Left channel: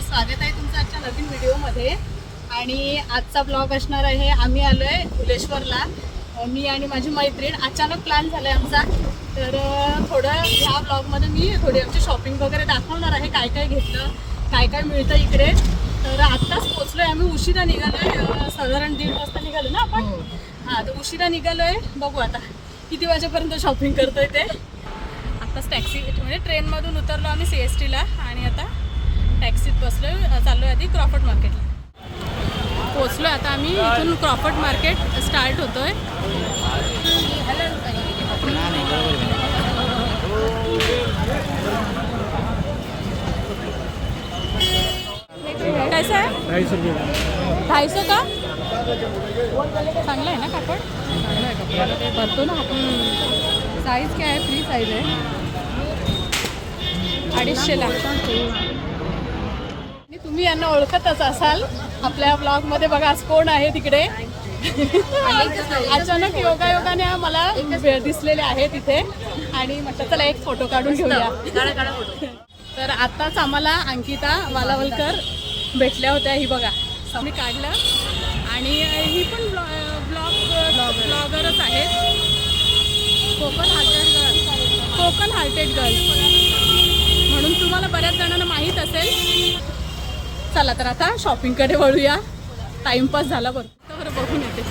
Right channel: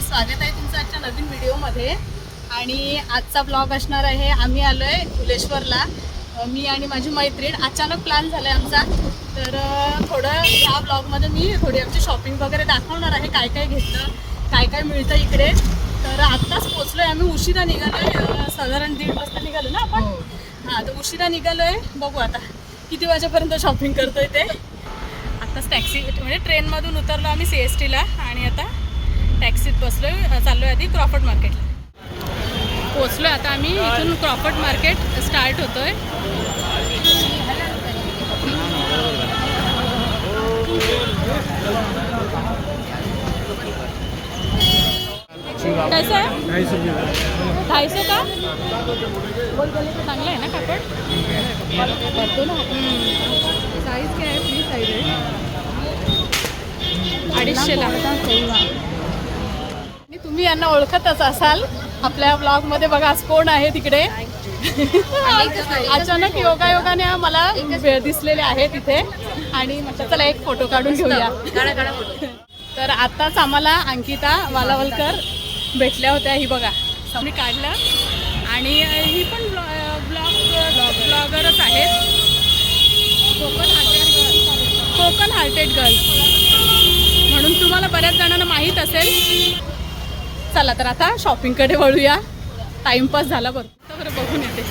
स्वागत आहे तुमचं आजच्या नवीन व्हिडिओमध्ये. आणि आजचा ब्लॉग असणार आहे आम्ही आलोय फुलेश्वरला अं, मी आणि माझी मैत्रीण अचानक प्लॅन झालाय आमचा. तर थोडं ह्या ब्लॉगमध्ये मी थोडी आमची शॉपिंग वगैरे दाखवणार आहे काय काय घेतलं काय काय मिळतं इकडे. तर आत्ताच पोचलोय आम्ही उशिरा निघालोय अं, साधारण दीड वाजता निघालो ना आपण? हां. तर उशिरा निघालोय. बघू आता किती वाजेपर्यंत शॉपिंग करतोय ते. आत्ताच टॅक्सी म्हणजे ट्रेनमधून उतरलो आम्ही सी एस टीला आणि आता टॅक्सीत बसलो चाललो आहे आधी क्रॉफर्ड मार्केटला पोचलो आता आम्ही इथून क्रॉफर्ड मार्केट स्टार्ट होतोय. कैसा आहे ढाई सौ रुपये ढाई सौ का? चांगला आहे ना कापड? साईज काय आहे? फ्री साईज आहे. अडीचशेला. तुम्ही यांना ओळखतच असाल. आपल्या ब्लॉगमध्ये बघा आज कोण आहे तिकडे? अचानक योगा योगाने मला दिसलेले आहे तिथे आणि म्हटलं चला एक फोटो काढून घेऊया. तर आताच आम्हाला अंकिता मालावलकर भेटल्या होत्या ही बघा. मी काढलं. आणि ही पण ब्लॉग ब्लॉगरच आहेत. कोकण हार्टेड गर्ल म्हणून तुम्हाला बऱ्याच जणांना माहीत असेल. चला तर आता शॉपिंगकडे वळूया. टाइमपास झाला बरं बरं बघून येते.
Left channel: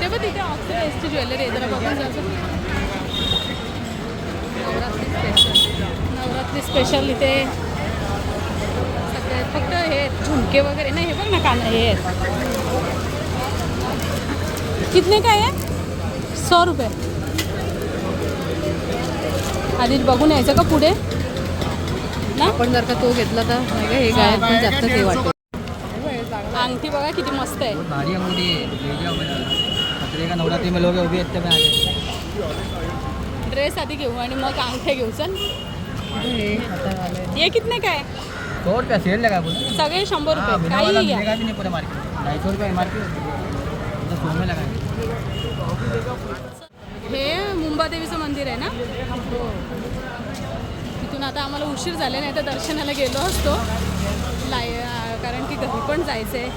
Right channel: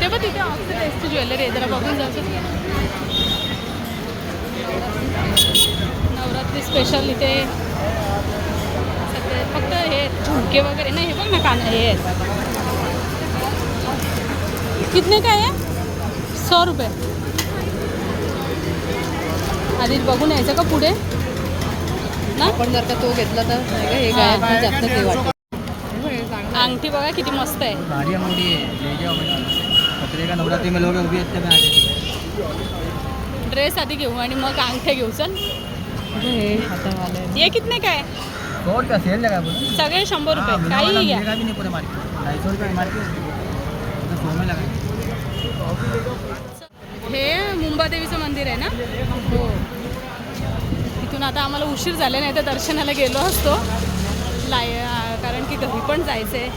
ते बघ तिथे ऑक्सिडाईजची ज्वेलरी आहे जरा बघून जाऊ नवरात्री स्पेशल इथे. फक्त हे झुमके वगैरे नाही हे बघ ना कान हे. कितने काय आहे सौ रुपये. आधी बघून यायचं का पुढे? ना? आपण जर का तो घेतला तर हे काय जास्त वाटतं. अंगठी बघा किती मस्त आहे. भारी अंगूठी का नवरात्रि में लोग ड्रेस आधी घेऊ आणि मग अंगठे घेऊ चल. हे ये कितने काय सौ रुपया सेल लगा बोलते? सगळे शंभर हाँ, रुपये वाला काही घ्या. मिलेगा भी नहीं पूरे मार्केट ढाई सौ रुपया एम आर पी तो सौ में लगाएंगे हे मुंबादेवीचं मंदिर आहे ना? तिथून आता आम्हाला उशीर झाले नाही तर दर्शनाला गेलो असतो. लाय कारण की घरी पण जायचं आहे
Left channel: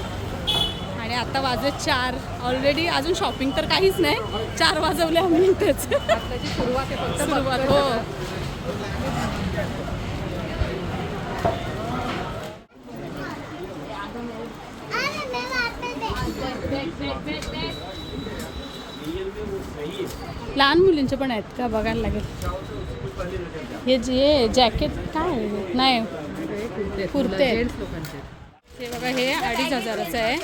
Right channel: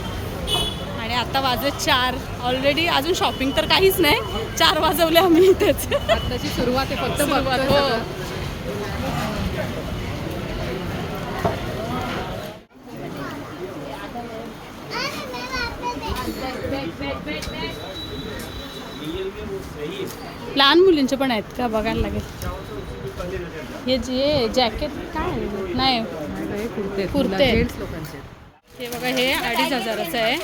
आणि आता वाजले चार. ऑलरेडी अजून शॉपिंग तर काहीच नाही. चार वाजवले आम्ही इथेच. त्याची सुरुवात आहे फक्त सुरुवात हो. लहान मुलींचे पण आहेत का? बघायला लागेल. हे जे जॅकेट काय नाही. कुर्ते आहेत. हे बघा हे अडीच हजाराचं आहे.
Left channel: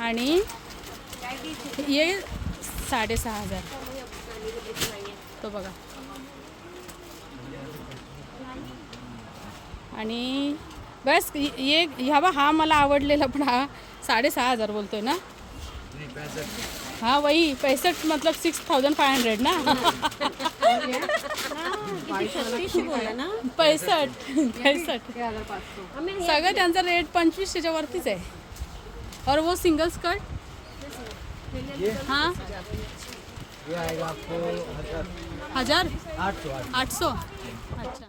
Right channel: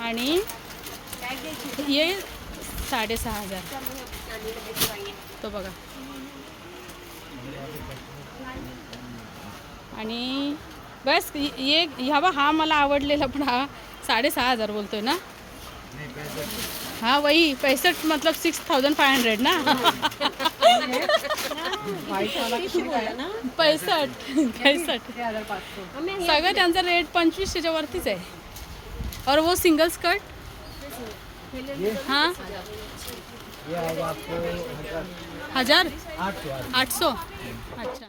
आणि हे साडेसहा हजार. तो बघा. आणि बस ये ह्या बा हा मला आवडलेला पण हा साडेसहा हजार बोलतोय ना? हाँ वही पैंसठ मतलब सिक्स थाउजंड फाय हंड्रेड ना? पैसठ. पैसठ. सगळं त्यांचा रेट पंचवीस त्याच्यावरतीच आहे. और वो सिंगल स्कर्ट हाँ? हजार? आठ सौ अच्छा. आठ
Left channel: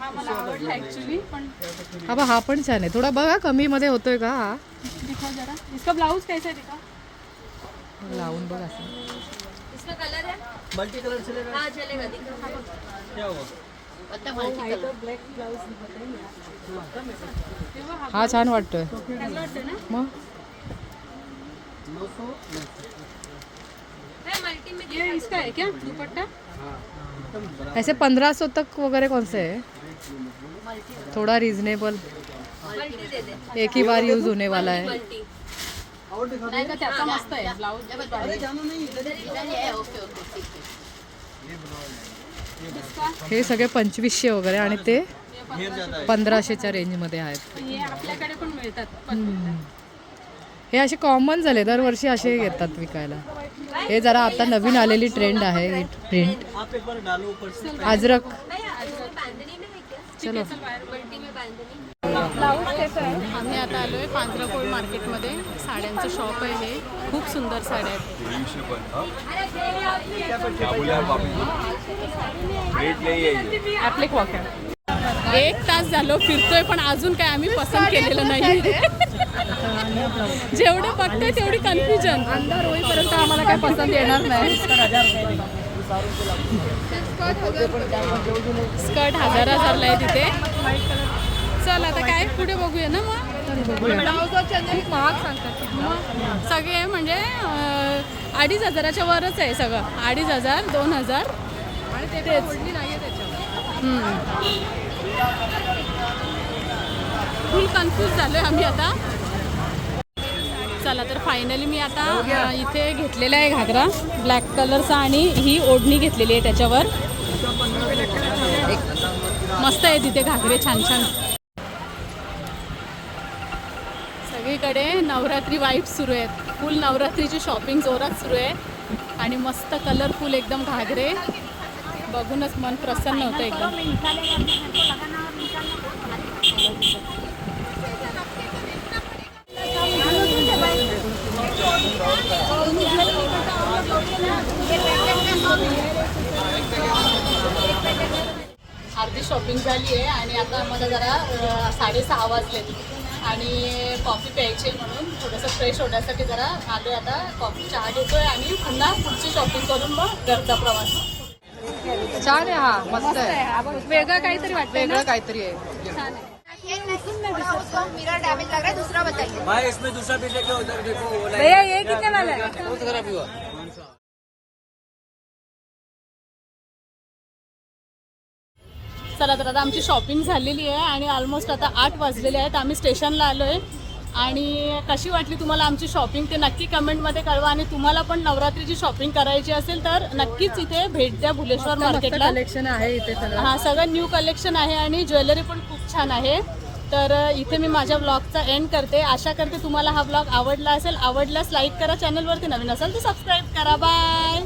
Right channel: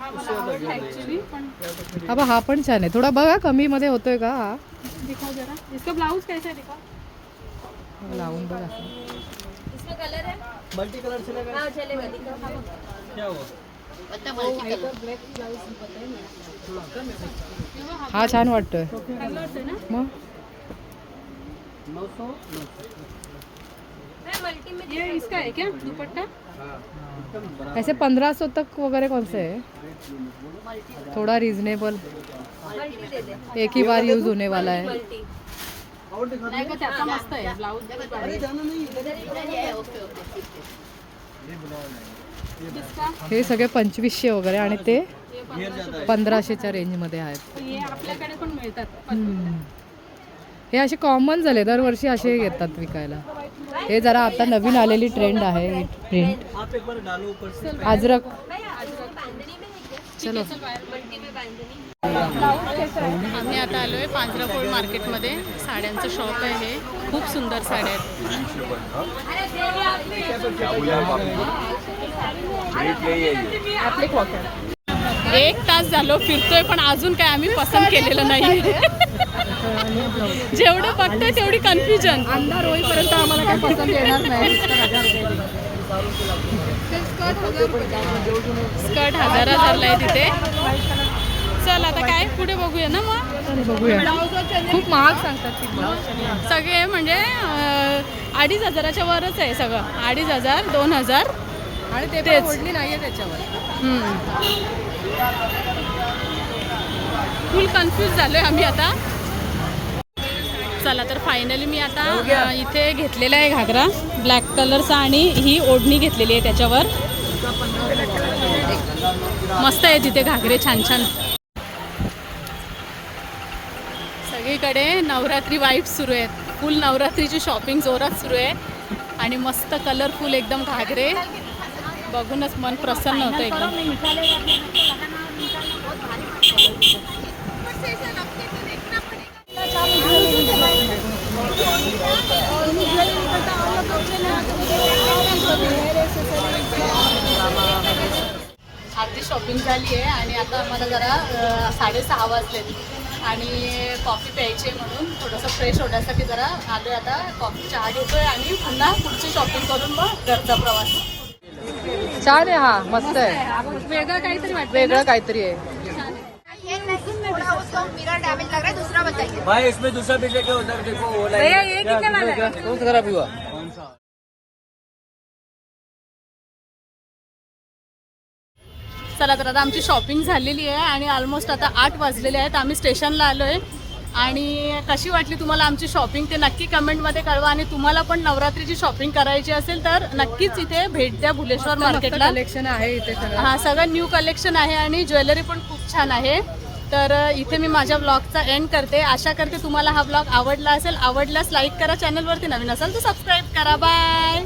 हा हा बा हा पण छान आहे. थोडा बघा कमी मध्ये होतोय का हा? दिखाओ जरा. इसका ब्लाउज कैसा दिखा लावून बघ. इसमें कलर है? मल्टी कलर चलेगा हाँ चलेगा दिखाओ. क्या हुआ? बता मल्टी कलर हा छान वाटतोय. चांगलं वाटतं ना? मग? ये इसका है क्या? दुपट्टा? ऐसे पंद्रह सौ तक वगैरह कौन से है? थोड़ा रीजनेबल एक ही बार यूज होने वाला है। आहे हे सगळे पंचवीसशे वगैरे आणि ते पंधराशेच्या रेंजमध्ये आहेत. हे हे असे कॉमन झाले दरवर्षी असे येतात विकायला. हे जरा आता नवीन आलेली ट्रेंड आहे ही प्रिंट अजरक. चलो. आम्ही आता आलोय पांजराकोळ मार्केटमध्ये. साड्यांचं शॉप आहे हे. खूप सुंदर साड्या आहेत. एक तास झालो फिरतोय पण अजून काय आम्ही पसंत केलेलं नाही जेवढं बघतोय तेवढी कन्फ्युजन अंधार होईपर्यंत आम्हाला काय पसंत येणार नाही. स्कर्ट हजार हजारला आहे तिथे. चल आता काय? पुढे बघूया ना मग. खूप महाग सांगतात सगळे म्हणजे अडीच हजाराच्या वरच आहे सगळं. अडीच हजार दोन हजार. आणि ते तेच. त्याच्यावर. फुल कन्फ्यूज झालोय आम्ही आता. चला तर फायनली मी आता अं, इथे घेतलेला आहे घागरा. ब्लॅक कलरचा आणि ही ओढणी घेतलेली आहे त्याच्यावर. मस्त आहे तिथे घागरे छान छान. सगळीकडे नवरात्री वाईफ सुरू आहेत. फुल नवरात्रीची शॉपिंग जोरात सुरू आहे. आणि मस्त कलरफुल एकदम घागरे. बघूनच मन प्रसन्न होतं एकदम. अर्धी शॉपिंग झाली आहे आणि आता आम्हाला जरा साडेसहा वाजले. आणि कॉफी प्यायची आहे म्हणून थोडंसं फ्रेश होण्यासाठी जरा आले आता. कॉफी चहा घेतोय आणि पुन्हा पुढची शॉपिंग करून मग घरचा प्रवास. छान आहे हा मस्त आहे. वेगळं काहीतरी वाटतं वेगळं काहीतरी आहे. भाई इसमें दूसरा पीछे क्या होता है? देखो वो भैया ये कितने वाला है कौन सा खराब हुआ? कौन सा? चला तर आता आमची शॉपिंग झालेली आहे आणि ऑलमोस्ट आता आठ वाजलेले आहेत. आम्ही स्टेशनला आलो आहे आणि कशी वाटली तुम्हाला आमची शॉपिंग ते नक्की कमेंटमध्ये कळवा. आणि तुम्हाला पण नवरात्रीची शॉपिंग करायची असेल तर नक्कीच इथे भेट द्या भुलेश्वर मार्केटला कलेक्शन आहे इथे सगळं. हा सगळं न्यू कलेक्शन आहे आणि ज्वेलरी पण खूप छान आहे. तर इथे मी माझ्या ब्लॉगचा एंड करते. आशा करते तुम्हाला हा ब्लॉग आवडला असेल. आवडल्यास लाईक करा. चॅनलवरती नवीन असेल तर सबस्क्राईब करा. बाय